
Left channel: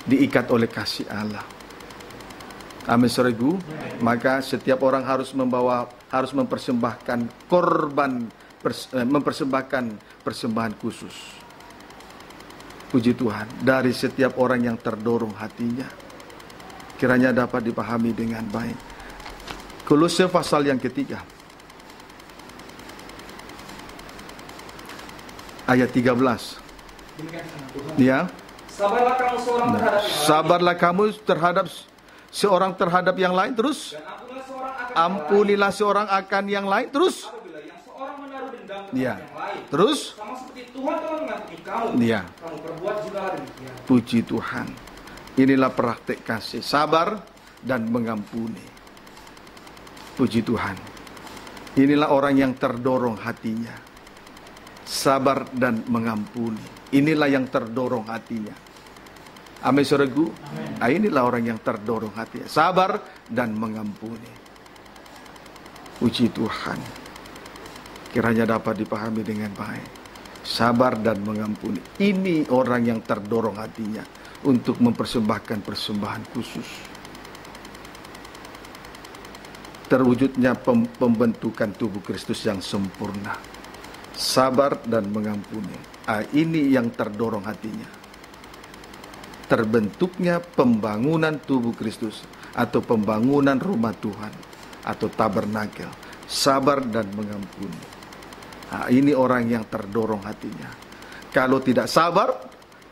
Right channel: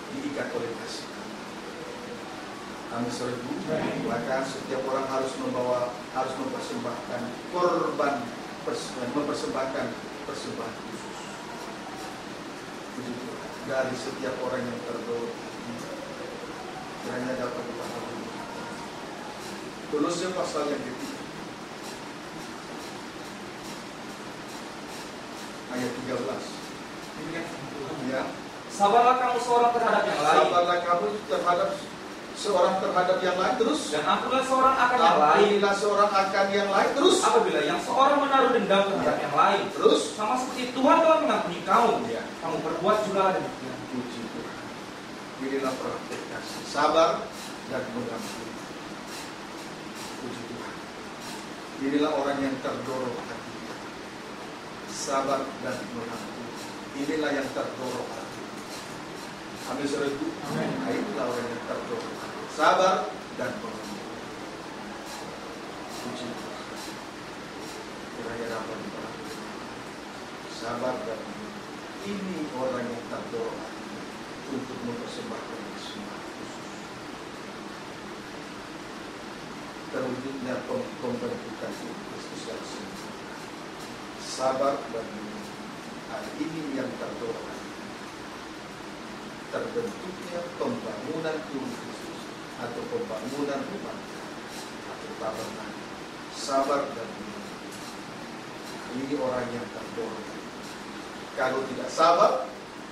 diikat oleh kasih Allah. Amin, saudaraku. Maka setiap orang harus mempersembahkan korban, mempersembahkan persembahan khusus. Puji Tuhan. Dari setiap orang yang terdorong hatinya. Kiranya dapat dipahami dengan baik. Kolose pasal yang ketiga, ayat 13. Ya. Sabarlah kamu seorang terhadap yang lain. Sabarlah kamu terhadap seorang terhadap yang lain, terus Dan ampunilah seorang akan yang lain, terus apabila yang seorang menaruh dendam terhadap yang lain, terus sama seperti Tuhan telah mengampuni kamu, kamu perbuat juga demikian. Puji Tuhan. Inilah praktek kasih, sabar dan mengampuni. Puji Tuhan. Inilah orang yang terdorong hatinya, sabar dan mengampuni. Inilah yang terdorong hatinya. Amin, saudaraku. Nah, inilah orang yang terdorong hati, sabar dan mengampuni. Puji Tuhan. Kiranya dapat dipahami dengan baik. Sabar dan mengampuni. Ini orang yang terdorong hatinya untuk mempersembahkan persembahan khusus. Terwujudnya pembentukan tubuh Kristus yang sempurna. Sabar dan mengampuni. Ini yang terdorong hatinya. Terbentuknya pembangunan tubuh Kristus atau pembangunan rumah Tuhan atau tabernakel, sabar dan mengampuni. Ini orang yang terdorong hatinya. Kalau tidak sabar,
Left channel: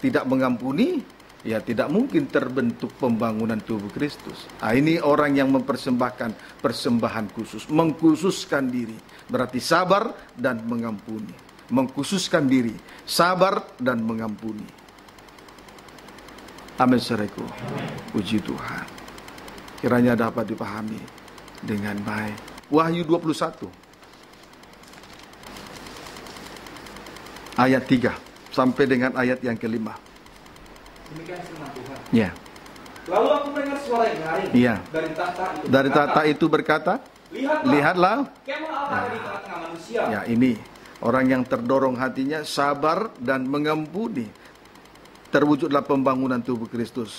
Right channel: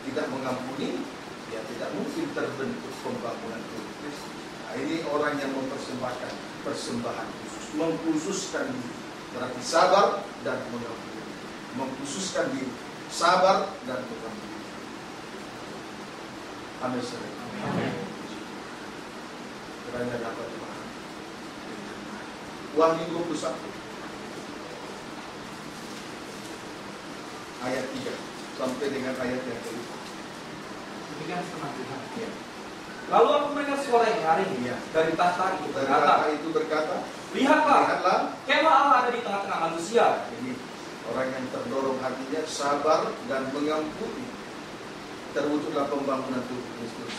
tidak mengampuni, ya tidak mungkin terbentuk pembangunan tubuh Kristus. Ini orang yang mempersembahkan persembahan khusus, mengkhususkan diri, berarti sabar dan mengampuni. Mengkhususkan diri, sabar dan mengampuni. Amin, saudaraku. Puji Tuhan. Kiranya dapat dipahami dengan baik. Wahyu 21 ayat 3 sampai dengan ayat yang kelima. Demikian firman Tuhan. Ya. Lalu aku mendengar suara yang nyaring Iya. dari tahta itu. Dari berkata, tahta itu berkata, Lihatlah, lihatlah. kemah Allah ada di tengah-tengah manusia. Ya, ini orang yang terdorong hatinya, sabar dan mengampuni. Terwujudlah pembangunan tubuh Kristus.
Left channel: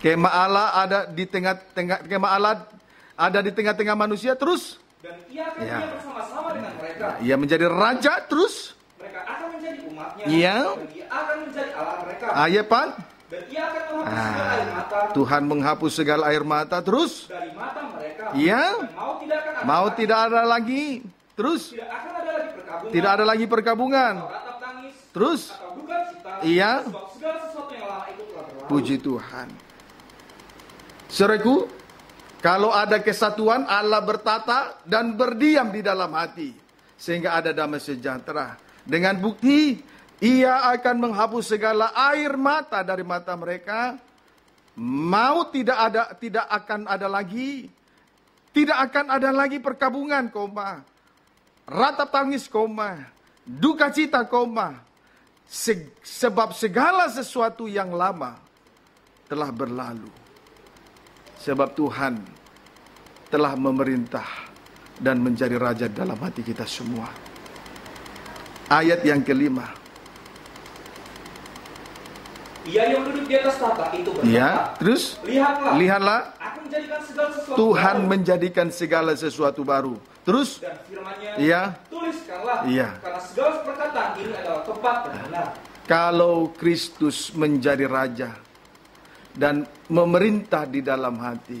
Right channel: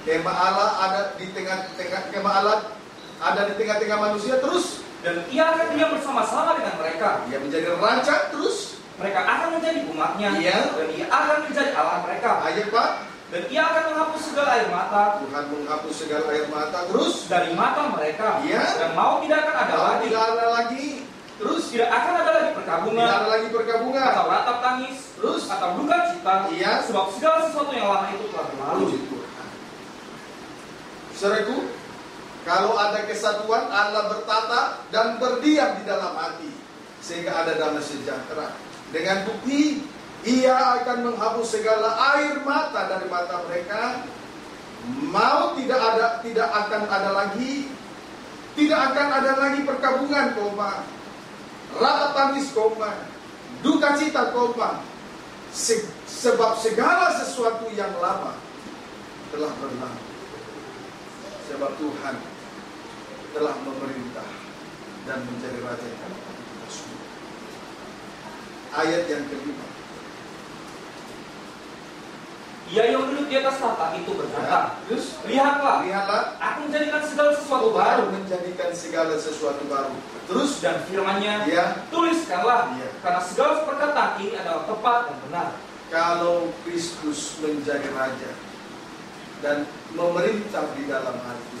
Kemah Allah ada di tengah-tengah, kemah Allah ada di tengah-tengah manusia terus. Dan ia akan diam bersama-sama dengan mereka. Ia menjadi raja terus. Mereka akan menjadi umatnya. Iya. Dan ia akan menjadi Allah mereka. Ayat 4. Dan ia akan menghapus segala air mata. Tuhan menghapus segala air mata terus. Dari mata mereka. Iya. Dan mau tidak akan ada lagi. Tidak ada lagi. Terus. Tidak akan ada lagi perkabungan. Tidak ada lagi perkabungan. Atau ratap tangis. Terus. Atau duka cita. Iya. Sebab segala sesuatu yang lama itu telah berlalu. Puji Tuhan. Saudaraku, kalau ada kesatuan, Allah bertata dan berdiam di dalam hati, sehingga ada damai sejahtera. Dengan bukti, ia akan menghapus segala air mata dari mata mereka. Mau tidak akan ada lagi, tidak akan ada lagi perkabungan, koma. Ratap tangis, koma. Duka cita, koma. Sebab segala sesuatu yang lama telah berlalu. Sebab Tuhan telah memerintah dan menjadi raja dalam hati kita semua. Ayat yang kelima. Ia yang duduk di atas tahta itu berkata, Ya, terus lihatlah, aku menjadikan segala sesuatu Tuhan baru. menjadikan segala sesuatu baru. Terus Dan firman-Nya, ya, tuliskanlah, ya. karena segala perkataan ini adalah tepat dan benar. Kalau Kristus menjadi raja dan memerintah di dalam hati,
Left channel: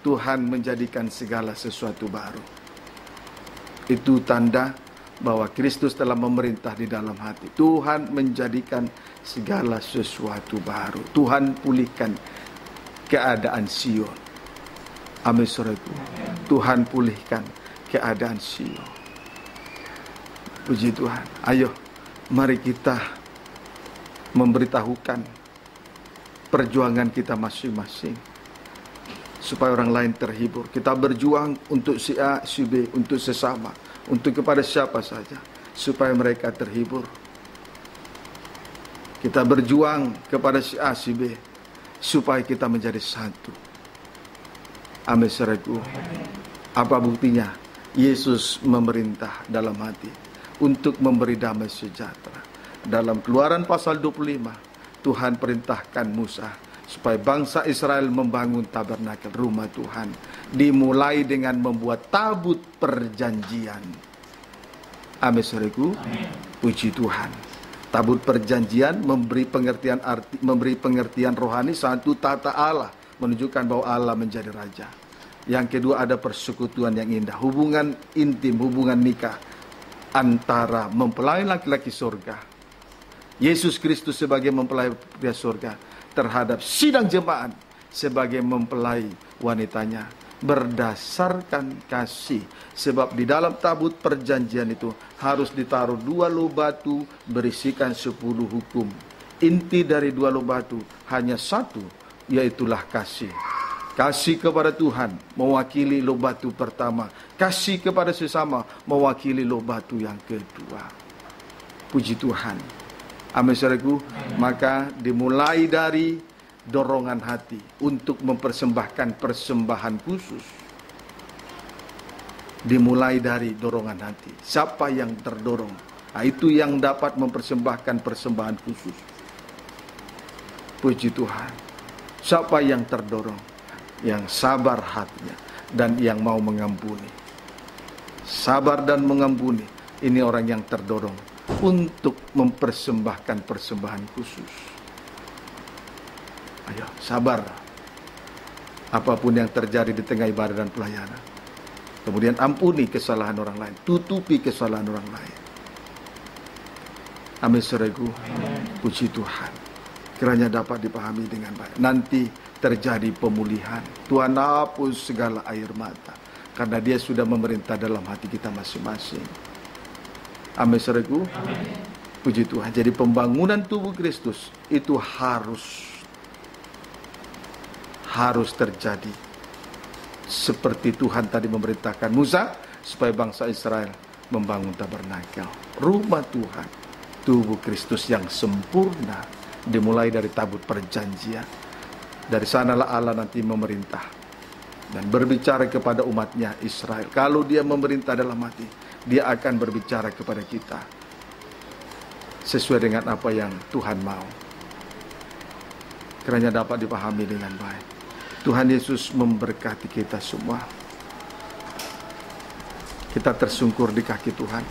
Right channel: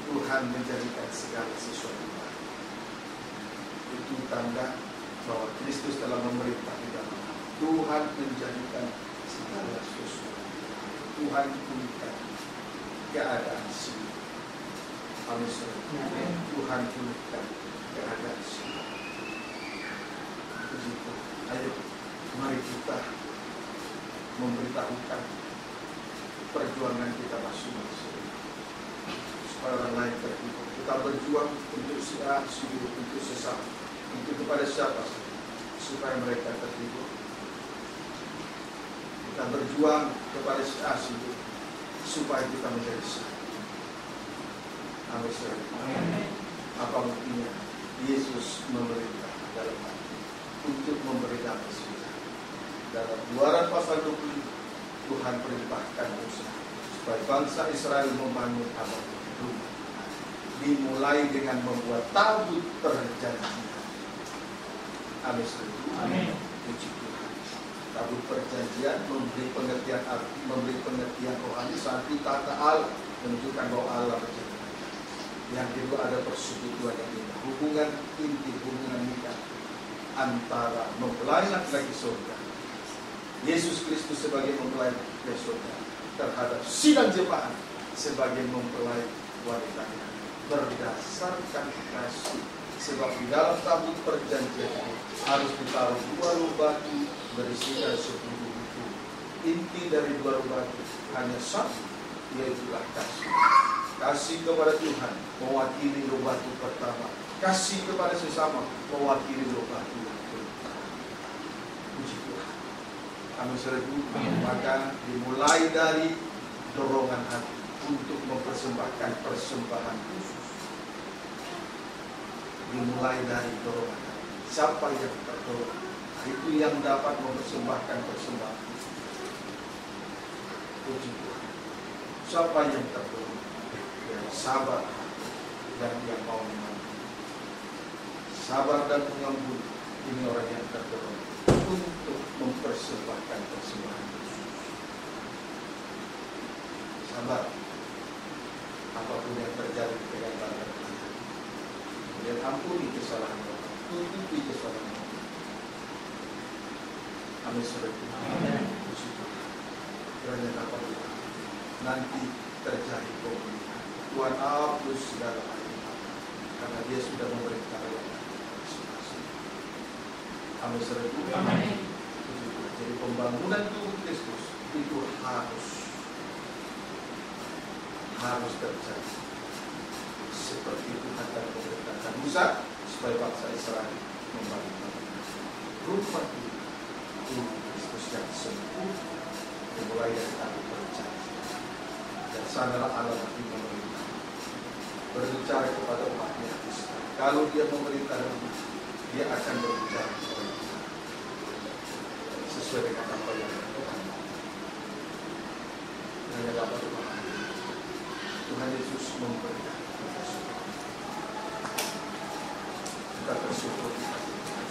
Tuhan menjadikan segala sesuatu baru. Itu tanda bahwa Kristus telah memerintah di dalam hati. Tuhan menjadikan segala sesuatu baru. Tuhan pulihkan keadaan Sion. Amin, saudaraku. Tuhan pulihkan keadaan Sion. Puji Tuhan. Ayo, mari kita memberitahukan perjuangan kita masing-masing, supaya orang lain terhibur. Kita berjuang untuk si A, si B, untuk sesama, untuk kepada siapa saja, supaya mereka terhibur. Kita berjuang kepada si A, si B, supaya kita menjadi satu. Amin, saudaraku. Apa buktinya? Yesus memerintah dalam hati untuk memberi damai sejahtera. Dalam Keluaran pasal 25, Tuhan perintahkan Musa supaya bangsa Israel membangun tabernakel, rumah Tuhan. Dimulai dengan membuat tabut perjanjian. Amin, saudaraku. Puji Tuhan. Tabut perjanjian memberi pengertian rohani, satu tata Allah, menunjukkan bahwa Allah menjadi raja. Yang kedua, ada persekutuan yang indah, hubungan intim, hubungan nikah antara mempelai laki-laki surga, Yesus Kristus sebagai mempelai pria surga, terhadap sidang jemaat sebagai mempelai wanitanya, berdasarkan kasih. Sebab di dalam tabut perjanjian itu harus ditaruh 2 loh batu berisikan 10 hukum. Inti dari 2 loh batu hanya satu, yaitulah kasih. Kasih kepada Tuhan mewakili loh batu pertama, kasih kepada sesama mewakili loh batu yang kedua. Puji Tuhan. Amin, saudaraku. Maka dimulai dari dorongan hati untuk mempersembahkan persembahan khusus. Dimulai dari dorongan hati. Siapa yang terdorong, nah, itu yang dapat mempersembahkan persembahan khusus. Puji Tuhan. Siapa yang terdorong? Yang sabar hatinya dan yang mau mengampuni. Sabar dan mengampuni, ini orang yang terdorong untuk mempersembahkan persembahan khusus. Ayo, sabar. Apapun yang terjadi di tengah ibadah dan pelayanan. Kemudian ampuni kesalahan orang lain, tutupi kesalahan orang lain. Amin, saudaraku. Puji Tuhan. Kiranya dapat dipahami dengan baik. Nanti terjadi pemulihan. Tuhan hapus segala air mata, karena Dia sudah memerintah dalam hati kita masing-masing. Amin, saudaraku. Puji Tuhan. Jadi pembangunan tubuh Kristus itu harus terjadi. Seperti Tuhan tadi memerintahkan Musa supaya bangsa Israel membangun tabernakel, rumah Tuhan. tubuh Kristus yang sempurna, dimulai dari tabut perjanjian. Dari sanalah Allah nanti memerintah dan berbicara kepada umatnya Israel. Kalau dia memerintah dalam hati, dia akan berbicara kepada kita sesuai dengan apa yang Tuhan mau. Kiranya dapat dipahami dengan baik. Tuhan Yesus memberkati kita semua. Kita tersungkur di kaki Tuhan.